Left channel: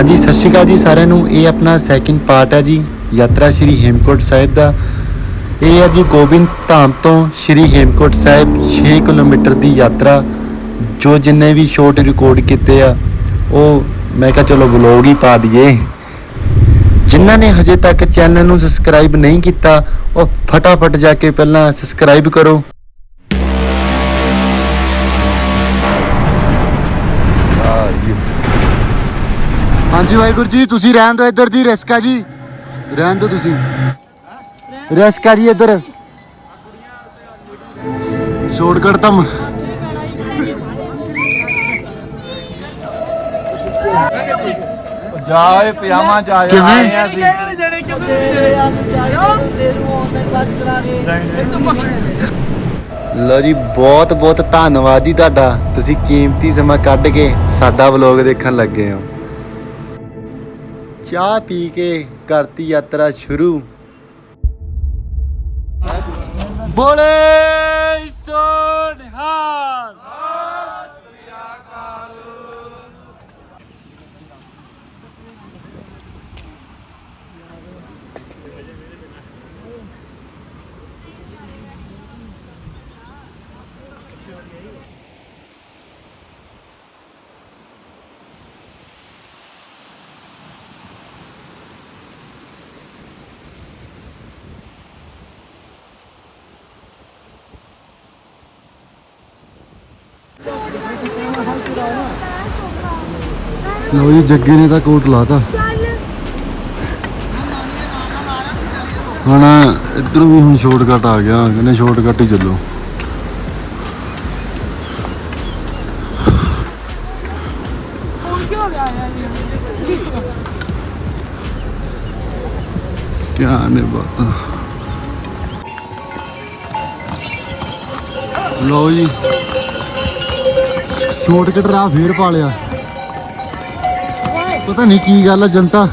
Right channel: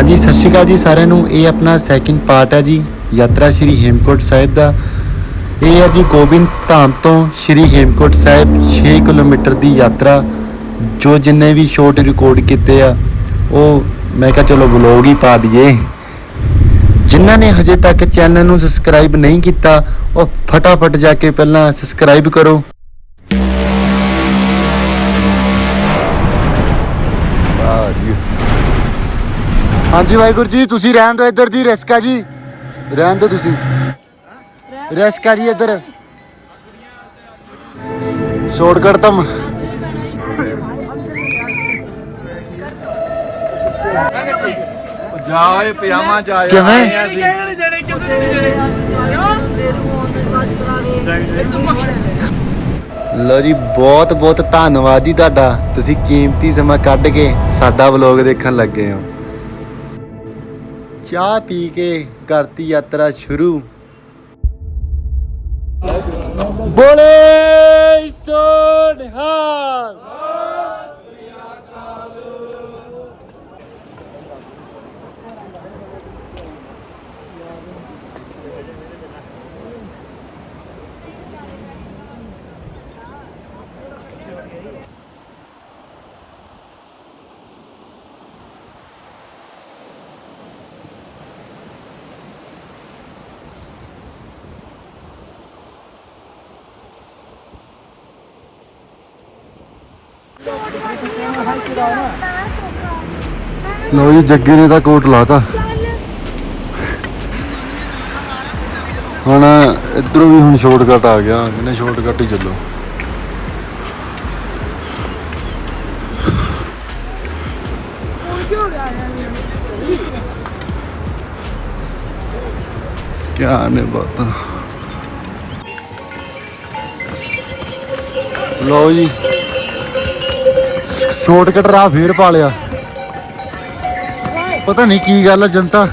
ਹਾਂਜੀ, ਸਤਿ ਸ਼੍ਰੀ ਅਕਾਲ ਜੀ ਸਾਰਿਆਂ ਨੂੰ। ਇਹ ਆਪਣਾ ਸੈਕਿੰਡ ਪਾਰਟ ਹੈ ਜੀ, ਯਾਤਰਾ ਸ਼੍ਰੀ ਹੇਮਕੋਟ ਸਾਹਿਬ ਦਾ। ਇਹ ਹੈ ਜੀ ਗੋਬਿੰਦ ਧਾਮ ਤੋਂ ਸ਼੍ਰੀ ਹੇਮਕੋਟ ਸਾਹਿਬ 6 ਕਿਲੋਮੀਟਰ ਦੀ ਯਾਤਰਾ, ਜੋ ਜਿੰਨੇ ਵੀ ਸ਼ੋਟ ਰਿਕਾਰਡ ਕੀਤੇ ਆ, ਉਹ ਮੈਂ ਕਿਹਾ ਚਲੋ ਵਲੌਗ ਹੀ ਪਾ ਦਈਏ। ਜਿਨ੍ਹਾਂ ਨੇ ਹਜੇ ਤੱਕ ਚੈਨਲ ਨੂੰ ਸਬਸਕ੍ਰਾਈਬ ਨਹੀਂ ਕੀਤਾ, ਉਹ ਫਟਾਫਟ ਜਾ ਕੇ ਪਹਿਲਾਂ ਸਬਸਕ੍ਰਾਈਬ ਕਰੋ। ਹਾਂਜੀ ਵਾਹਿਗੁਰੂ ਜੀ ਤੁਸੀਂ ਰਹਿਣ ਦਿਓ ਇੱਧਰ ਦੀ ਰਿਸਕ ਆ ਜੀ। ਰਹਿਣ ਦਿਓ ਤੁਸੀਂ। ਰਿਸਕ ਆ ਜੀ ਇੱਧਰ। ਸ਼ਾਰਟਕਟ ਤਾਂ ਜਾਏ ਪਜਾਮਾ ਜਾਏ। ਕਿਵੇਂ? ਲੋ ਜੀ। ਬਹੁਤ ਬਹੁਤ ਧੰਨਵਾਦ ਜੀ ਤੁਹਾਡਾ। ਤੁਸੀਂ ਕੀਮਤੀ ਸਮਾਂ ਕੱਢ ਕੇ ਸਾਡਾ ਵਲੌਗ ਦੇਖਣ ਲੱਗੇ ਹੋ। ਚਾਹ ਪੀ ਕੇ ਕਰਤੀ ਯਾਤਰਾ ਸ਼ੁਰੂ। ਬੋਲੇ ਸੋਨਹਾਰ ਲੋ ਜੀ, ਜੱਗੇ ਨੇ ਤਾਂ ਕੋਟ ਲਾਤਾ। ਹੁਣ ਇਧਰੋਂ ਵੀ ਹੁਣ ਸ਼ਾਰਟਕਟ ਆ ਗਿਆ, ਕਹਿੰਦੇ ਸ਼ਾਰਟਕਟ ਹੀ ਚੱਲੋ। ਕਿਆ ਨੇ ਬਾਤ। ਲੋ ਜੀ। ਸ਼ਾਰਟਕਟ ਰਾਹ ਫੇਰ ਪਾ ਲਿਆ ਪਤਾ ਨਹੀਂ ਕੀ ਗੱਲ ਆ, ਜਨਤਾ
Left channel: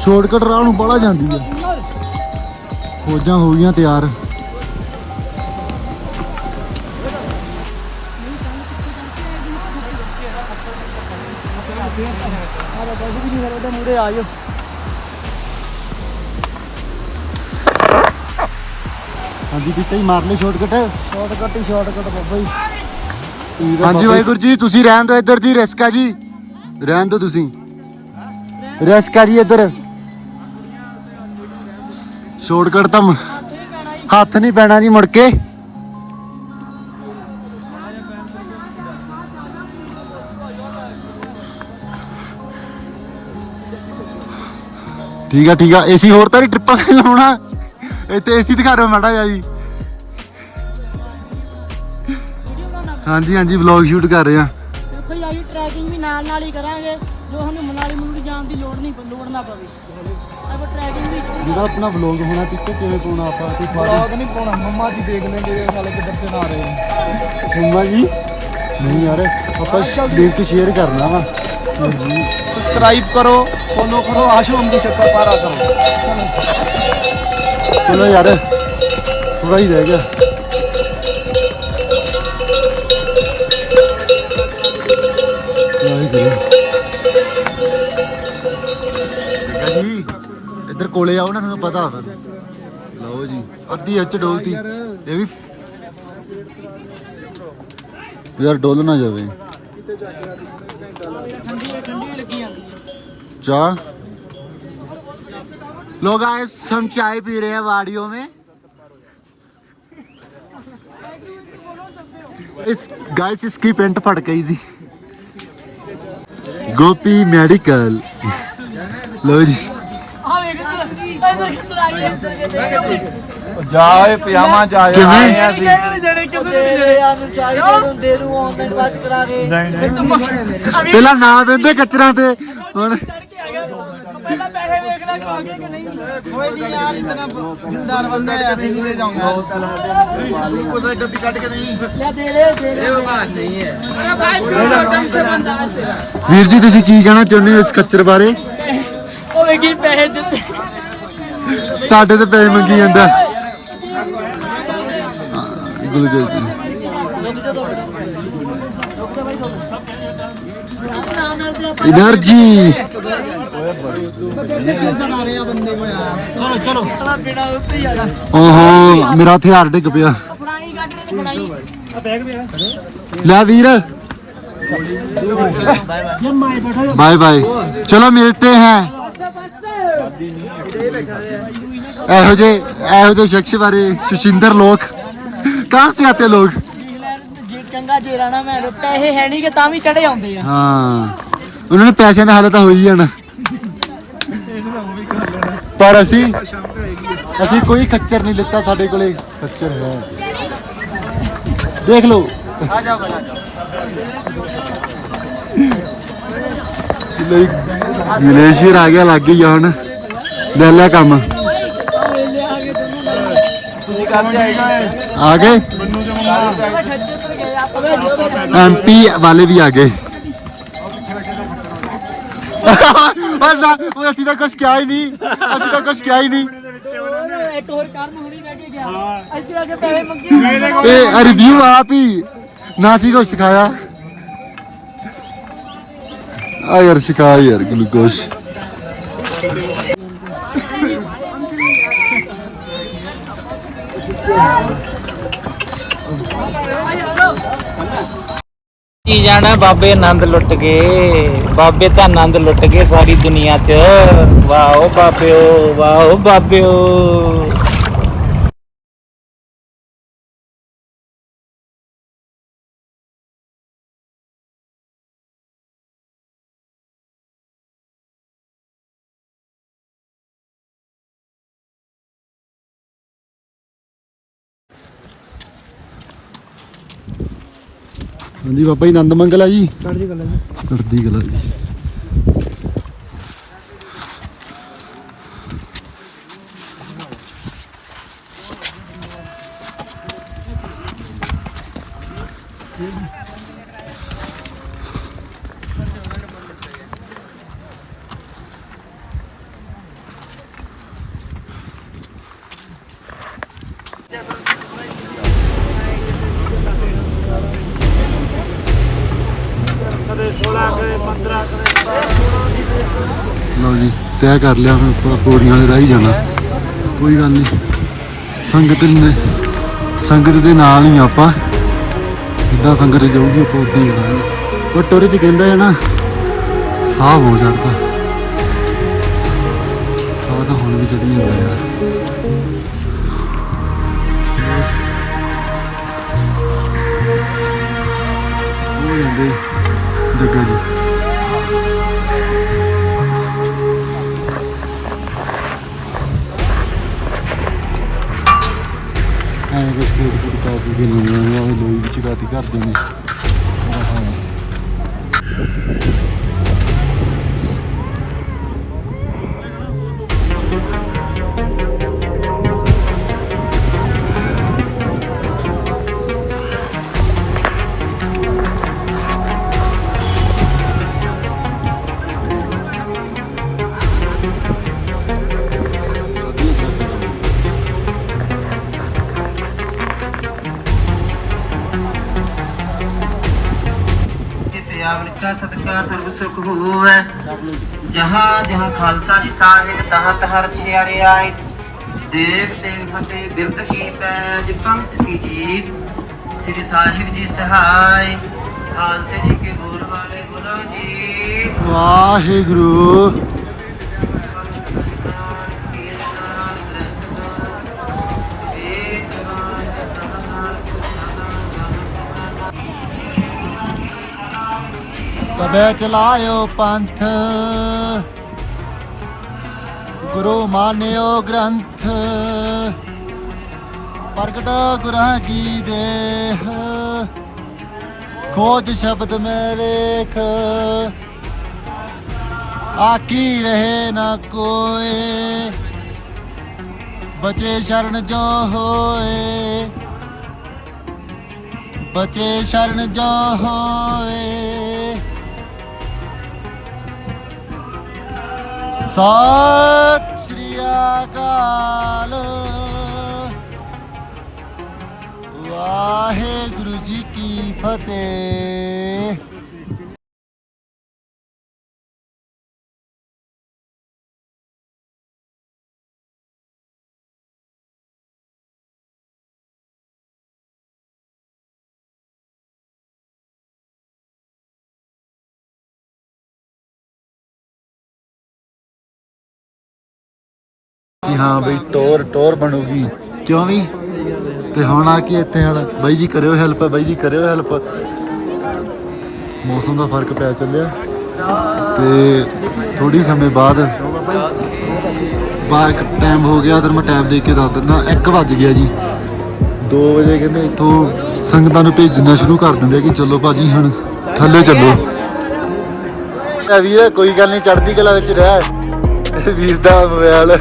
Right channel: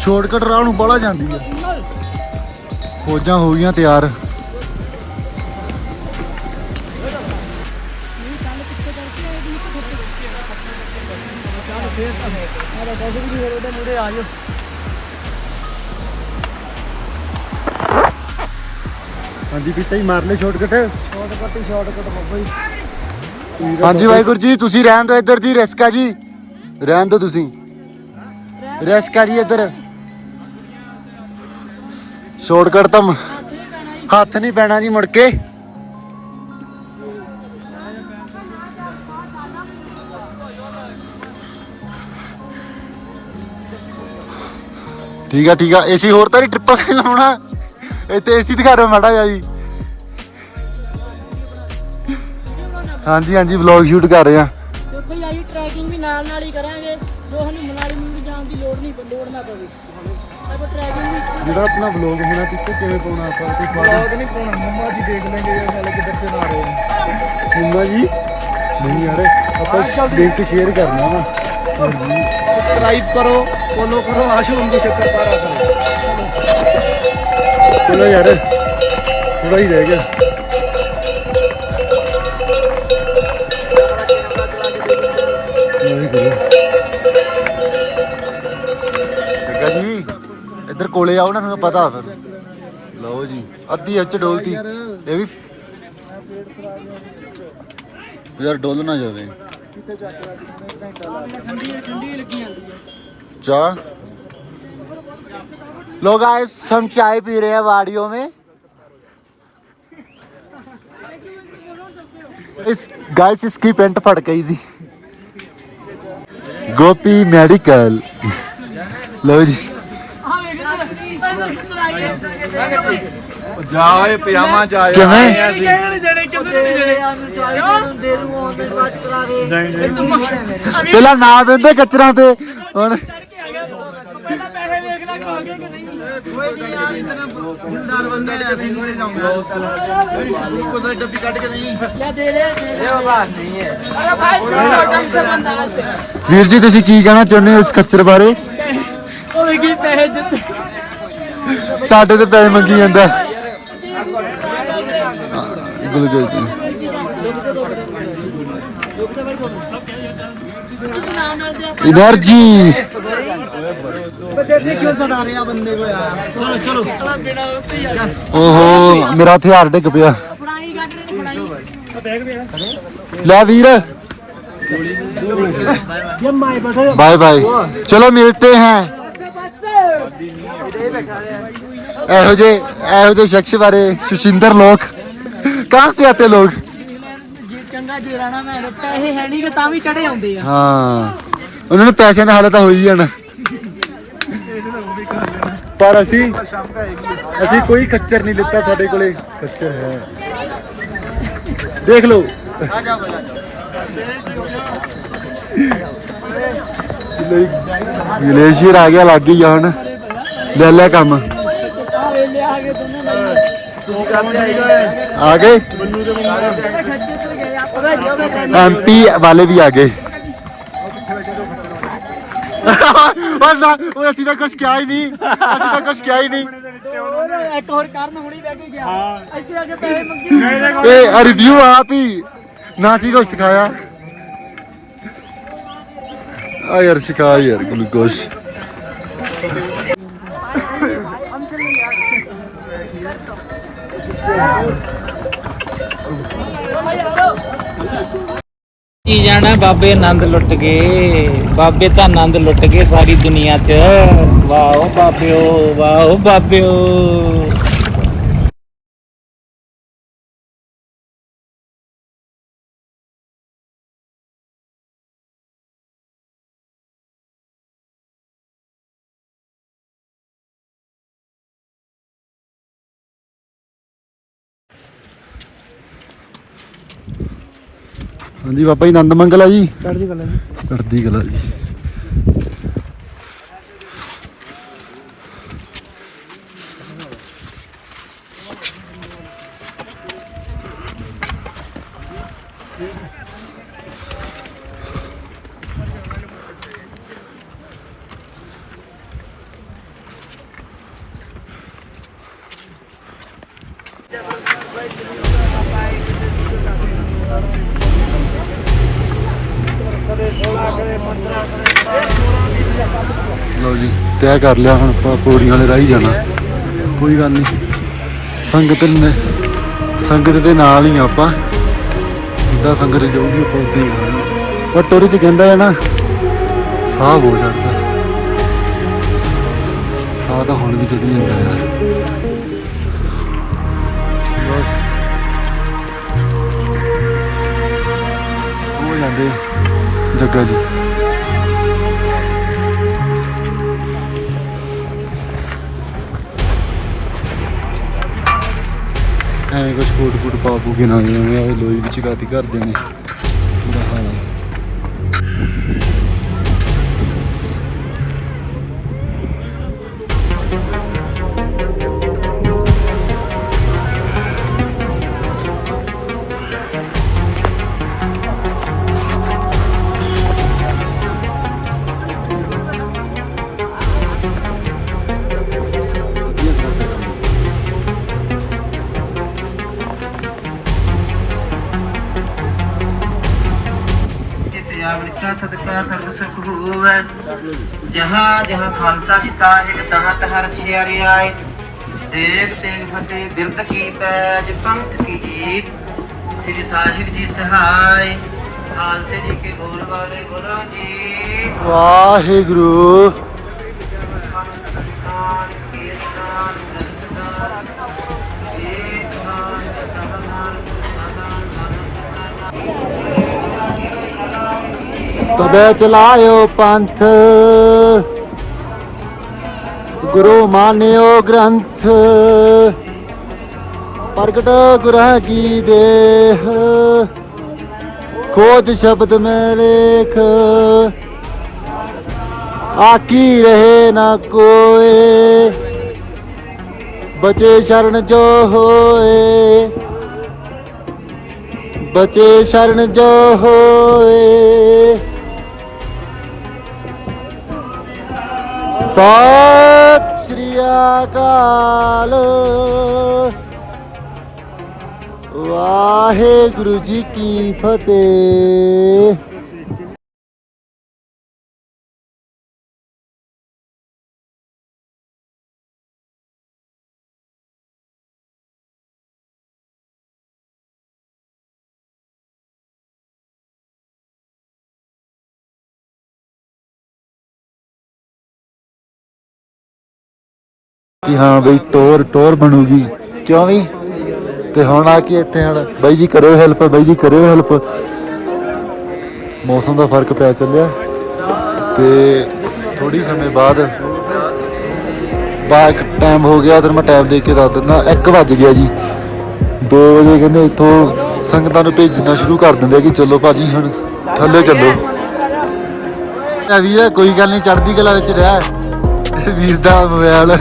ਸ਼ਾਰਟਕਟ ਰਾਹ ਨੂੰ ਬੜਾ ਜਾਂਦੀ ਆ। ਫੌਜਾਂ ਹੋ ਗਈਆਂ ਤਿਆਰ। ਹਾਂਜੀ, ਪੀਤਾ ਹੀ ਮਾਰ ਲੈ ਸ਼ਾਰਟਕਟ ਸ਼ਾਰਟਕਟ ਹੀ ਸ਼ਾਰਟਕਟ ਬੱਬਾ ਹਾਂਜੀ ਵਾਹਿਗੁਰੂ ਜੀ ਤੁਸੀਂ ਰਹਿਣ ਦਿਓ ਇੱਧਰ ਦੀ ਰਿਸਕ ਜੀ। ਰਹਿਣ ਦਿਓ ਤੁਸੀਂ। ਰਿਸਕ ਜੀ ਇੱਧਰ। ਸ਼ਾਰਟਕਟ ਤਾਂ ਹੱਥ ਨਹੀਂ ਪੈਣਾ ਜੀ ਮੁੜ ਕੇ। ਠੀਕ ਆ ਠੀਕ ਆ ਏਸੀ ਹੋਰ ਤਾਂ ਨਹੀਂ ਟ੍ਰਿਪਲ ਲਾਉਣਾ। ਇੱਥੇ ਏਸੀ ਦਿਖਾ ਦਿਓ ਮਾੜਾ ਜਿਹਾ ਜੀ। ਹਾਂਜੀ ਹਾਂਜੀ ਵਲੌਗ ਸ਼ੂਟ ਕਰ ਰਹੇ ਆ ਦੇਖੋ ਜੀ ਆਹੀ ਟਰੈਕਿੰਗ ਵੀ ਨਾਲ ਨਾਲ ਹੀ ਕਰਾਂਗੇ। ਜੋ ਸਾਨੂੰ ਮਨਾਲੀ ਮਨੂਲੀ ਜਾਣ ਦੀ ਲੋੜ ਨਹੀਂ ਲੋੜ ਨਾ ਪਵੇ। ਆਪਾਂ ਟਰੈਕਿੰਗ ਵੀ ਇੱਕੋ ਜਿਹੜਾ ਆਪਣਾ ਵਲੌਗ ਹੋਣਾ ਪਿੱਛੇ ਕਿਵੇਂ ਪਾਉਣਾ ਆਪਾਂ? ਕੋਈ ਬਲੌਗ ਨਹੀਂ ਪਾਉਣਾ ਮੰਮਾ ਜੀ ਦੇਖ ਲੈਂਗੇ ਇਹ ਸਾਲੇ ਕਿੱਧਰ ਤੇ ਨਾ ਰਹੇ ਨੇ ਮੰਮਾ ਜੀ? ਨਹੀਂ ਯਾਰ ਆਪਾਂ ਲਿੰਕ ਸ਼ੇਅਰ ਕਰਨਾ ਵਾ। ਜੀ। ਸਬਸਕ੍ਰਾਈਬ ਕਰੋ ਫੋਲੋ ਕਰੋ ਆਸ਼ੂ ਅੰਗੀ ਸ਼ੱਕਰ ਪਾਰਾ ਕਰੋ। ਚਲੋ ਯਾਰ ਥੋੜਾ ਹੀ ਰਹਿ ਗਿਆ। ਵਾਹਿਗੁਰੂ ਜੱਗਾ ਜੀ ਇੱਧਰ ਕੋਲੇ ਆਓ ਨਾ ਤੁਹਾਨੂੰ ਪਤਾ ਫਿਰ ਲਓ ਜੀ ਅੱਧੀ ਅੱਚ ਡੋਲਤੀ ਇਹ ਵੀ ਯਾਰ ਡੋਲ ਨਾ ਜਾਵੇ ਠੰਡੀ ਠੰਡੀ ਲੱਗੀ ਜਾਂਦੀ ਹੈ चाय लोग गाइस हम चाय पी रहे हैं वाड़ियों में इस गाइस इसकी पेंट फट गई थी ਗੋਪੀ ਮੈਡੀਕਲ। ਲੋ ਜੀ। ਜਾਏ ਪਿਆਮਾ ਜਾਏ ਕਿਵੇਂ? ਪਹਿਲਾਂ ਨਾ ਵੇਂਦੇ ਕਚਰਾ ਤੇ। ਹੁਣ ਵੀਰ ਜੀ ਤੁਸੀਂ ਕੀ ਕਹਿਣਾ ਚਾਹੁੰਦੇ ਹੋ ਇਸ ਖੱਚਰ ਬਾਰੇ? ਉਹ ਵੇਖੀ ਪੈਸੇ ਦਿੱਤੇ। ਸਾਡੇ ਤੇ ਪੈਸੇ ਮੰਗੀ ਜਾਂਦਾ। ਗੁਲਗੁਲ ਜੀ। ਮੇਰਾ ਹਥਿਆਰ ਡਿੱਗ ਪਿਆ। ਲੈ ਵੀਰ। Bye bye. ਚਲੋ मिलते हैं ਇਹੋ ਜੇ ਇਹੋ ਜੇ ਸ਼ਖਸ ਬਾਰੇ ਸੁਸ਼ਿੰਦਰ ਲੋਕ। ਕਾਹ ਸੇ ਆਤੇ ਲੋਕ? ਜੇ ਚੰਗਾ ਜੇ ਰਾਣਾ ਮੈਂ ਪੈਸੇ ਹੈ ਨਹੀਂ ਕਿ ਤਾਂ ਵੀ ਚੜੇ ਆਉਂਦੇ ਆ। ਹਾਂ। ਉਹਨਾਂ ਨੂੰ ਪੈਸਿਆਂ ਦਾ ਹਾਲਤ ਤਾਂ ਹੋਈ ਜਾਣਾ। ਪਰ ਅਸੀਂ ਅਸੀਂ ਕੋਈ ਖੱਚਰ ਨਹੀਂ ਲਿੱਤਾ ਸਾਡੇ ਕੋਲੇ। ਖੱਚਰ ਹੈ। ਦੇਖ ਲਓ। ਗਲੇਸ਼ੀਅਰ ਆ ਗਿਆ, ਲੱਗ ਹੀ ਹੁਣ। ਲੈ ਲੈ ਕੰਮ। ਆ ਗਏ? ਐਮਪੀ ਵਾਲੇ ਵੀ ਆ ਗਏ। ਉਹ ਨਾ ਉਹ ਅਸੀਂ ਤਾਂ ਕੁਝ ਕਿਹਾ ਹੀ ਨਹੀਂ ਅਸੀਂ ਤਾਂ ਕੁਝ ਕਿਹਾ ਹੀ ਨਹੀਂ ਇੱਕ ਹੋਰ ਕਰਨ ਹੁਣੀ ਬਹਿ ਕੇ ਗਿਆ ਇੱਥੇ ਆ ਕੇ ਪੈਸੇ ਮੰਗੇ ਇਹ ਰਿਵਿਊ ਆਪ ਹੀ ਨਾ ਸੀ ਕੁਝ ਸਿਖਾਇਆ ਆ ਯਾਰ ਸਿਖਾ ਯਾਰ ਗਲੂਕੋਸ਼ ਕੀ ਜਾਣਾ? ਬਾਬੇ ਆਨੰਦ ਲੁੱਟ ਗਏ। ਬਾਬੇ ਤਾਂ ਆਨੰਦ ਲੁੱਟ ਗਏ ਸਾਰੀ ਦੁਨੀਆ 'ਚ। ਵਾਓ ਬਾਬਿਓ ਵਾਓ ਬਾਬਿਓ। ਹਾਂਜੀ ਬਾਬਾ ਜੀ ਆਨੰਦ ਮੰਗਲ ਆ ਜੀ। ਚੜ੍ਹਦੀ ਕਲਾ ਜੀ। ਚੜ੍ਹਦੀ ਕਲਾ ਜੀ। ਲਓ ਜੀ, ਤੈਅ ਕਰ ਲਿਆ ਹੁਣ ਆਪਾਂ ਪੌੜੀਆਂ ਵਾਲੇ ਰਾਹ ਜਾਣਾ। ਕੋਈ ਗੱਲ ਨਹੀਂ ਸੰਗਤ ਨੇ, ਸੰਗਤ ਦੇ ਨਾਲ ਹੀ ਆਪਾਂ, ਜਿੱਦਾਂ ਸੰਗਤ ਜਾਊਗੀ ਆਪਾਂ ਉਦਾਂ ਹੀ ਕਰਾਂਗੇ ਪਰ ਟੋਰੇ ਚ ਕਹਿੰਦਾ ਹੈ ਨਾ, ਸਾਹ ਹੋ ਚੜਦਾ ਸਾਹ ਤਾਂ ਹੁਣ ਵੀ ਚੜੀ ਜਾਂਦਾ ਯਾਰ। ਬਸ। ਹੋ ਜਾਂਦੇ। ਜੱਗਾ ਜੀ। ਐਵੇਂ ਕੁਛ ਕੋਟ ਕੋਟ ਪਾ ਪੂ ਕੇ ਨਾ ਐਵੇਂ ਲੋਈ ਵਿੱਚ ਗਾਤੀ ਕਰਦੇ ਨੇ। ਜਹਾਂ ਜਹਾਂ ਖਾਲਸਾ ਜੀ ਸਾਹਿਬ ਤਹਰ ਛਿਆਰੇ ਆਏ। ਦੇਵ ਤੇਗ ਫਤਿਹ ਪੰਥ ਕੀ ਜੀਤ। ਸ੍ਰੀ ਸਾਹਿਬ ਜੀ ਸਹਾਈ ਖਾਲਸੇ ਜੀ ਕੇ ਵਾਹਿਗੁਰੂ। ਤਬੇ ਚਲਾਇਓ ਪੰਥ। ਗੁਰੂ ਮਾਨਿਓ ਗ੍ਰੰਥ। ਪ੍ਰਗਟ ਗੁਰਾਂ ਕੀ ਦੇਹ। ਖੋਜ ਸ਼ਬਦ ਮੈਂ ਲੇਖ। ਆਕੀ ਰਹੇ ਨਾ ਕੋਏ। ਬਚੇ ਸ਼ਰਨ ਜੋ ਹੋਏ। ਬਚੇ ਸ਼ਰਨ ਜੋ ਹੋਏ। ਸਤਿ ਸ੍ਰੀ ਅਕਾਲ। ਵਾਹਿਗੁਰੂ ਜੀ ਕੀ ਫਤਿਹ। ਕਿ ਹਾਂ ਬਈ ਟੋਰ ਟੋਰ ਬਣੂਗੀ। ਕਿਉਂ ਵੀ? ਤੇ ਹੁਣ ਆ ਕੇ ਇੱਥੇ ਹਣ ਬਾਈ ਜੀ ਕਰਿਓ ਹੈਲਪ ਬਾਈ ਜੀ ਕਰਿਓ ਹੈਲਪ ਮੌਸਮ ਦਾ ਫ਼ਰਕ ਪੈ ਚੱਲਿਆ। ਤੇ ਥੋੜੀ ਸਮੇਂ ਬਾਅਦ ਬਾਅਦ ਟਾਈਮ ਹੋ ਗਿਆ, ਉਧਰ ਮੈਂ ਟਾਈਮ ਦੇਖ ਕੇ ਦੱਸ ਦਿੰਦਾ 1 ਵੱਜ ਗਿਆ ਜੀ। 2 ਵਜੇ ਕਹਿੰਦੇ ਇੱਥੋਂ ਸੰਗਤਾਂ ਨੂੰ ਭੇਜਣਾ ਸ਼ੁਰੂ ਕਰ ਦਿੰਦੇ ਕਿ ਚਲੋ ਭਾਜੀ, ਹੁਣ ਥੱਲੇ ਚੱਲੋ। ਆ ਵੀਰ, ਕੋਈ ਗੱਲ ਨਹੀਂ ਚੜਦੀ ਕਲਾ ਵਿੱਚ ਰਹਿ। ਵੀਰ ਦਾ ਮੋਬਾਈਲ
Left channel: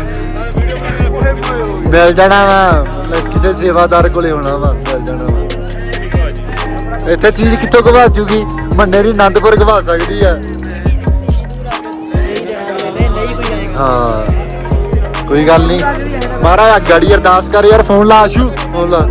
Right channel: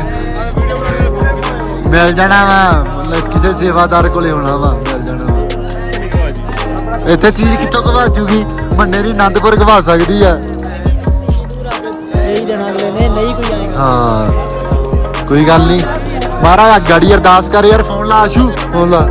ਮਿਲ ਜਾਣਾ ਵਾ। ਮਤਲਬ ਕਿਸੇ ਸੇਵਾਦਾਰ ਕੋਲੇ ਹੋਣਾ ਵਾ, ਮਿਲ ਜਾਣਾ ਵਾ। ਇੱਥੇ ਚੀਜ਼ ਕਿੱਥੋਂ ਗਵਾ ਜੂਗੀ? ਮੰਨੇ ਦੀ ਆਨੰਦਪੁਰ ਗਵਾ ਸਕਦੀ ਆ। ਹਾਂ। ਕੋਈ ਗੱਲ ਨਹੀਂ ਮਹਾਰਾਜ ਗਾੜੀ ਅਰਦਾਸ ਕਰ ਯਾਰ, ਫੋਨ ਲਾ ਆਸ਼ੂ, ਫੋਨ ਲਾ।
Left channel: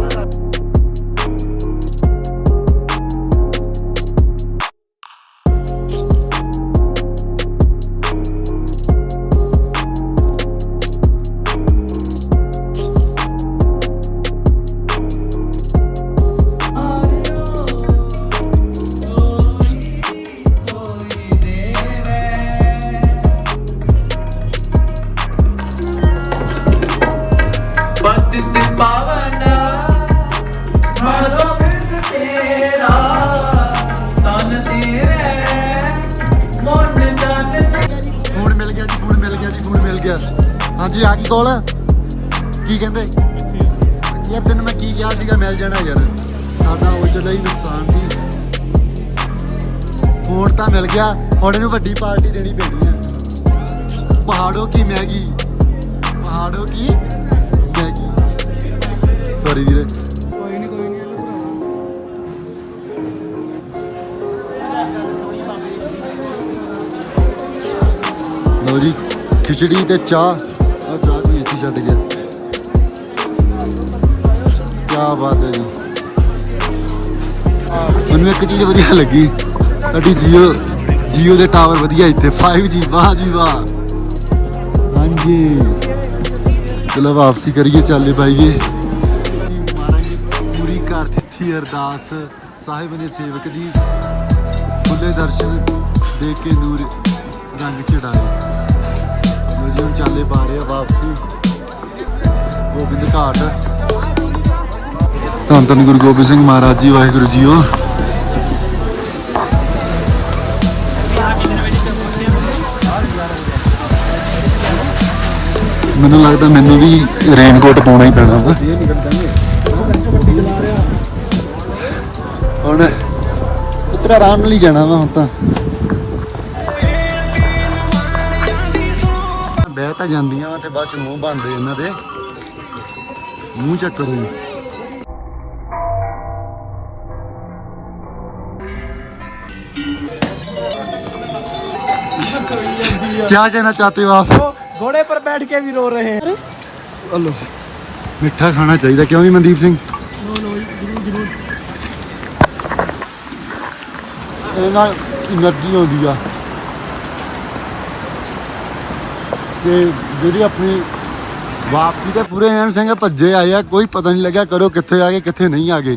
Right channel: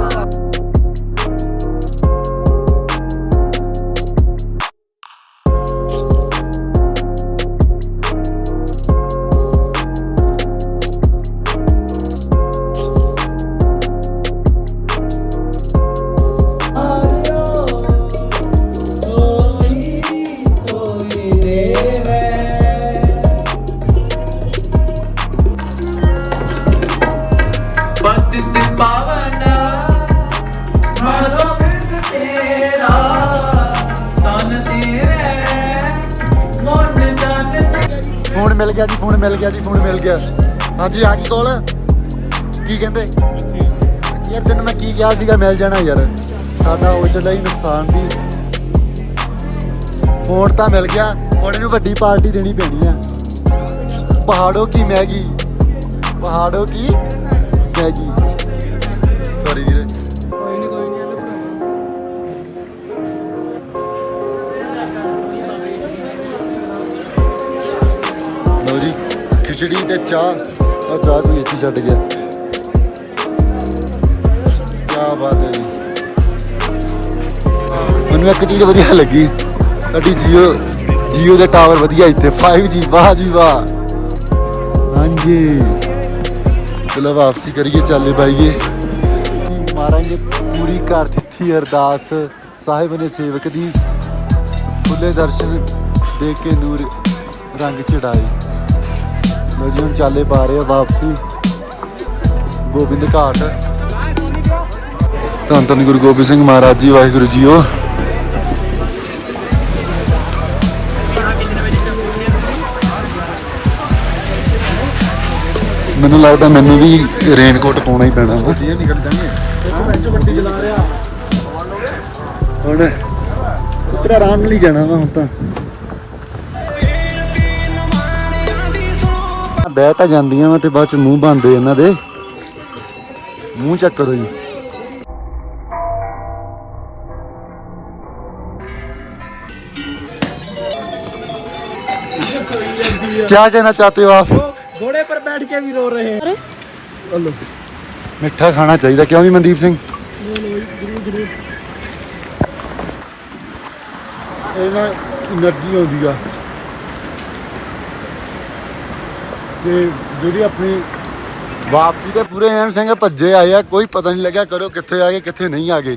ਮਿਲ ਗਿਆ ਜੀ, ਫੋਨ ਮਿਲ ਗਿਆ ਜੀ, ਫੋਨ ਮਿਲ ਗਿਆ। ਹਾਂਜੀ, ਆ ਗਈ ਕੋਲ? ਕੀ ਕਹਿੰਦੇ? ਯਾਰ ਤੈਨੂੰ ਮੈਂ ਕੀ ਕਿਹਾ ਸੀਗਾ, ਮਿਲ ਜਾਣਾ ਯਾਰ। ਸਾਡਾ ਉਹ ਚੱਲਾ ਹੀ ਨੁਕਸਾਨ ਸੀ। ਫੋਨ ਤਾਂ ਮਿਲ ਗਿਆ, ਹੁਣ ਇਹਨੂੰ ਵੱਡੀ ਪਾਰਟੀ ਦੇਣੀ ਪੈਣੀ ਆ। ਪਹਾੜੋ ਕੀ ਮੈਗੀ? ਪਹਾੜੋ ਕੀ ਮੈਗੀ? ਸੌਰੀ ਵੀਰੇ। ਲਓ ਜੀ, ਖਿਚੜੀ ਤੇ ਚਾਹ। ਆ ਚਾਹ ਕੋਈ ਇੱਥੇ ਛੱਡ ਗਿਆ। ਕੀ ਬਾਤ ਹੈ ਜੀ। ਮੈਨੂੰ ਇੱਕ ਚੀਜ਼ ਵਧੀਆ ਲੱਗੀ। ਸਾਡੀ ਜੀਓ ਜੀਓ ਦੇ ਟਾਵਰ ਵਧੀਆ ਇੱਥੇ। 5G ਵਾਹ ਜੀ ਵਾਹ। ਹਾਂਜੀ। ਚਲੋ ਵਾਪਸੀ ਕਰੀਏ, ਚੱਲੇ ਪਾਈਏ ਮਹਾਰਾਜ ਨੇ ਪੂਰੀ ਕਰ ਦਿੱਤੀ ਅਰਦਾਸ। ਸਾਹਿਬ ਨੇ ਸੇਵਕ ਦੀ ਖੁੱਲੇ ਦਰਸ਼ਨ ਦੇਖ ਕੇ ਨੂਰ ਰੰਗ ਚੜਾਏ ਲੋ ਜੀ ਹੁਣ ਚਾਲੇ ਪਾ ਰਹੇ ਆ ਵਾਪਸੀ। ਗੋਬਿੰਦ ਘਾਟ। ਧੰਨ ਧੰਨ ਗੁਰੂ ਗੋਬਿੰਦ ਸਿੰਘ ਮਹਾਰਾਜ ਜੀ, ਵਾਹਿਗੁਰੂ ਜੀਓ। ਮੈਨੂੰ ਲੱਗਦਾ ਮੈਨੂੰ ਵੀ ਰੇਨਕੋਟ ਪਾਉਣਾ ਹੀ ਪੈਣਾ। ਹੁਣ ਹੁਣ ਆਰਾਮ ਨਾਲ ਹੀ ਜਾਣਾ ਵਾ ਹੁਣ ਤਾਂ। ਬਹਿ ਤਾਂ ਜਾਂਦੀਆਂ ਤੇ ਬਾਅਦ ਚ ਮੂੰਹ ਬੰਦੇ ਇਹਨਾਂ ਦੇ। ਮੂੰਹ ਚੈੱਕ ਕਰੋ ਜੀ। ਕੀ ਕਹਿਣਾ ਚਾਹਤੇ ਹੋ ਆਪ? घोड़े पर बैठ के भी रो रहे ਹਲੋ। ਮਿੱਠਾ ਖਾਣਾ ਚਾਹੀਦਾ। ਕਿਉਂ ਵੀ ਮਨਦੀਪ ਸਿੰਘ? लो लो जरूर ਆਉਂਦੀ ਆ। ਕਿ ਜਿਹੜੀ ਆਪਣੀ ਵਾਪਸੀ ਤੇ ਪੂਰੇ ਐਨ ਸਿੰਘ ਭੱਜੇ ਆਏ ਆ ਕੋਈ ਪਤਾ ਨਹੀਂ ਲੱਗਿਆ ਕਰੋ ਕਿੱਥੇ ਆ ਗਏ ਕਿੱਥੇ ਨਹੀਂ ਆ ਗਏ।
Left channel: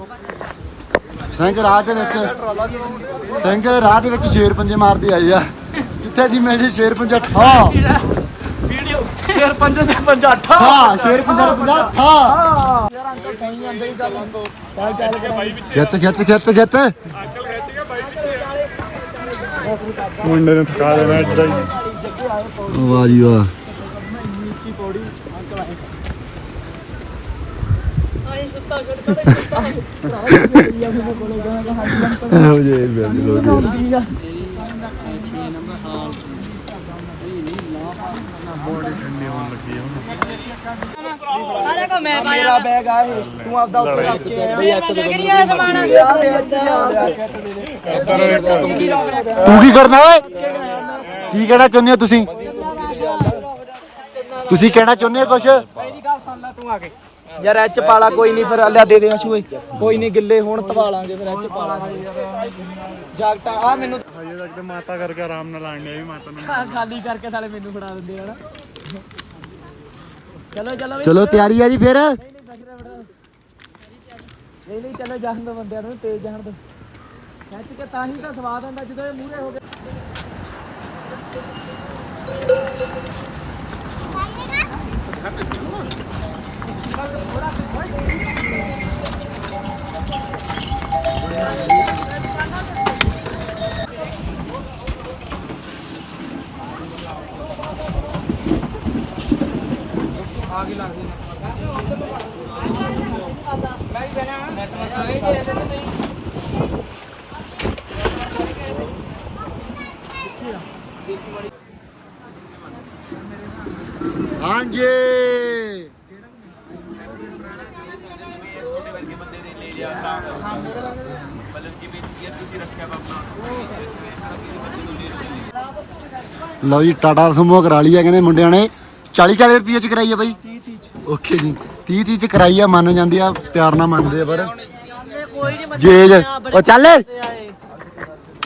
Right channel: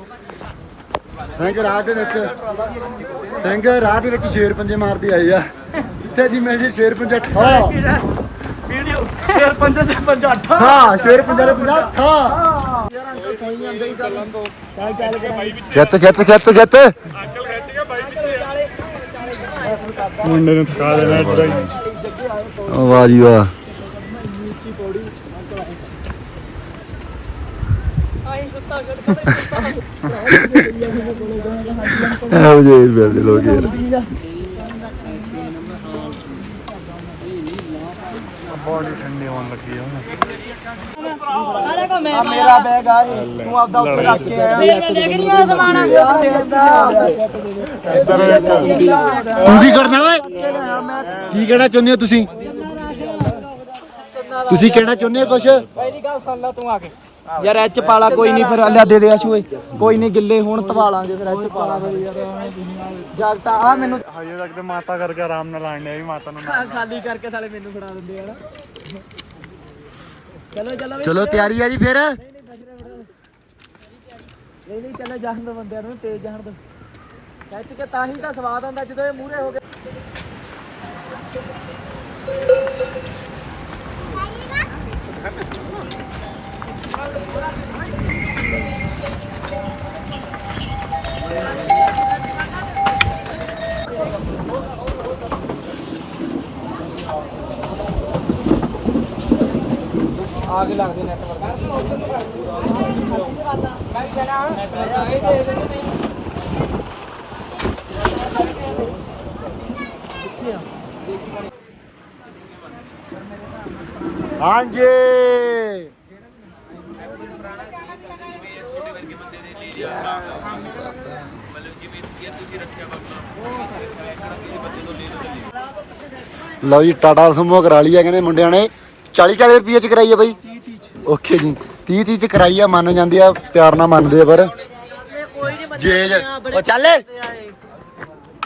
ਸਿੰਘ ਰਾਹ ਦੇ ਵਿੱਚ ਸਿੰਘ ਰਾਹ ਦੇ ਵਿੱਚ ਸ਼ੇਰ ਪੰਜੇ ਮਾਰਦੇ ਆਏ ਆ। ਕਿੱਥੇ ਜੀ ਮੈਂ ਜੀ ਸ਼ੇਰ ਪੰਜਾ ਠਾ? ਵੀਡੀਓ ਸ਼ੇਰ ਪੰਜਾ ਦੇ ਪੰਜਾ ਠਾ। ਹਾਂ ਸ਼ੇਰ ਪੰਜਾ ਦੇ ਪੰਜਾ ਠਾ। ਖਿੱਚ ਖਿੱਚ ਖਿੱਚ ਵਾਹ ਜੀ ਵਾਹ। ਉੱਚੀ ਪੌੜੀ ਸੁੱਤਾ ਛੱਡ ਕੜੇ ਸੁੱਤਾ ਭਰਾ ਜੀ ਮੈਂ ਪਾਇਆ ਤੂੰ ਆਪਦਾ ਉੱਤੇ ਰੱਖ ਕੇ ਤੂੰ ਕੀ ਕਰਨਾ ਓਏ? ਕੀ ਕਹਿਣਾ ਚਾਹੁੰਦੇ ਹੋ ਤੁਸੀਂ? ਤੁਸੀਂ ਕਹਿਣਾ ਚਾਹੁੰਦੇ ਹੋ ਕੁਛ? ਪਹਿਲੀ ਗੱਲ ਸੁਣ ਲੈ ਤੂੰ ਆ ਕੇ। ਯਾਰ ਐਚ ਪਾਲਾ ਕੋਈ ਨਹੀਂ ਫਿਰ ਆਂਦਾ ਦੇ ਦੇ ਆਸ਼ੂ ਓਏ ਕੋਈ ਨਹੀਂ ਗਿੱਲੇ ਹੁਣ ਧਵਾ ਲਾਂਗੇ ਫਿਰ ਐਚ ਪਾ ਦੇ ਯਾਰ ਐਵੇਂ ਜਗਤਾ ਆ ਮੈਨੂੰ ਹਜੇ ਤੱਕ ਤੇ ਮਾਤਾ ਕਰਕੇ ਆਰਾਮ ਨਾਲ ਆਣਨੇ ਵੀ ਮਾਤਾ ਨੂੰ ਖਾਲੀ ਕਰਕੇ ਸਾਲੇ ਮੈਨੂੰ ਫੜਾ ਦਿੰਦੇ ਯਾਰ ਚਲੋ ਚਲੋ ਚਲੋ ਤਿਆਰੀ ਆ ਜੀ ਫਿਰ। ਨਹੀਂ ਨਹੀਂ ਚਲੇ ਜਾਣ ਦੋ ਬੰਦਿਆਂ ਨੂੰ ਤੇਜ਼ ਜਾਣ ਦੋ। ਸੱਚ ਕਿ ਤਾਂ ਹੀ ਤਾਂ ਸਵਾਦ ਆਉਂਦਾ ਜਦੋਂ ਇਹ ਮੂਹਰੇ ਹੋ ਗਏ ਆ ਕੇ ਲੱਗਦੇ ਨੈਟਵਰਕ ਹਾਂਜੀ। ਲਓ ਜੀ, ਟਾਟਾ ਸਮੂਹ ਕਰਾ ਲਈ ਆ ਕਹਿੰਦੇ ਮੁੰਡਿਆਂ ਨੇ। 40 40 ਰੁਪਏ ਚ ਕਰਾਈ ਆ ਬਾਈ ਓਕੇ ਜੀ 30 30 ਚ ਕਰਾਈ ਆ ਮੰਨ ਜਾਂਦੇ ਆ ਪਿਆਰ ਨਾਲ ਮੰਨਦੇ ਆ ਪਰ ਜੇ ਜੇ- ਉਹ ਚੱਲ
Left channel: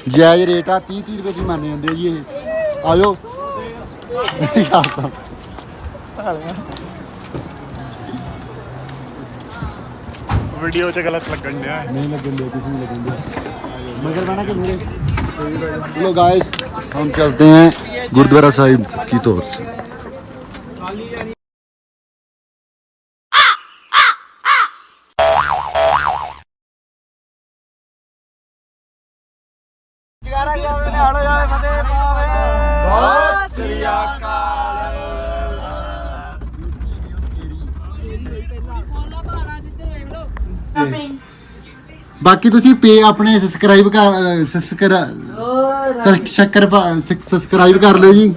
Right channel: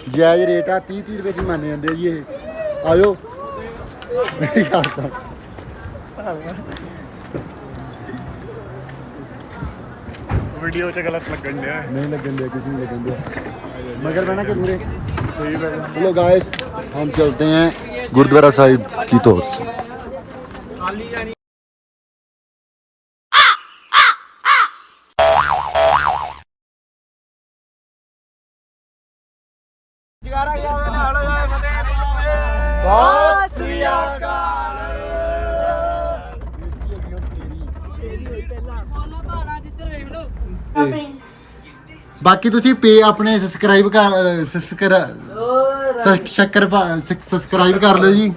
ਜਾਇਜ਼ ਰੇਟ ਆ 30 30 ਰੁਪਏ ਚ ਹੀ ਮੰਨ ਜਾਂਦੇ ਆ ਜੀ ਇਹ ਆਜੋ ਮੇਰੀ ਗੱਲ ਸੁਣ ਵੀਡੀਓ 'ਚ ਗਲਤ ਲੱਗਣ ਡਿਆ नहीं लगन दिया कुछ नहीं लगन दिया मगर बना के पूरे चलो गाइस हम चलते हैं गुरुद्वारा साहिब की तौर से ਬਾਕੀ ਤੁਸੀਂ ਪੇ ਆਪਣੇ ਸਬਸਕ੍ਰਾਈਬ ਕਰ ਸਬਸਕ੍ਰਾਈਬ ਸ਼ੱਕਰ ਸਬਸਕ੍ਰਾਈਬ ਕਰ ਲਿਓ ਜੀ।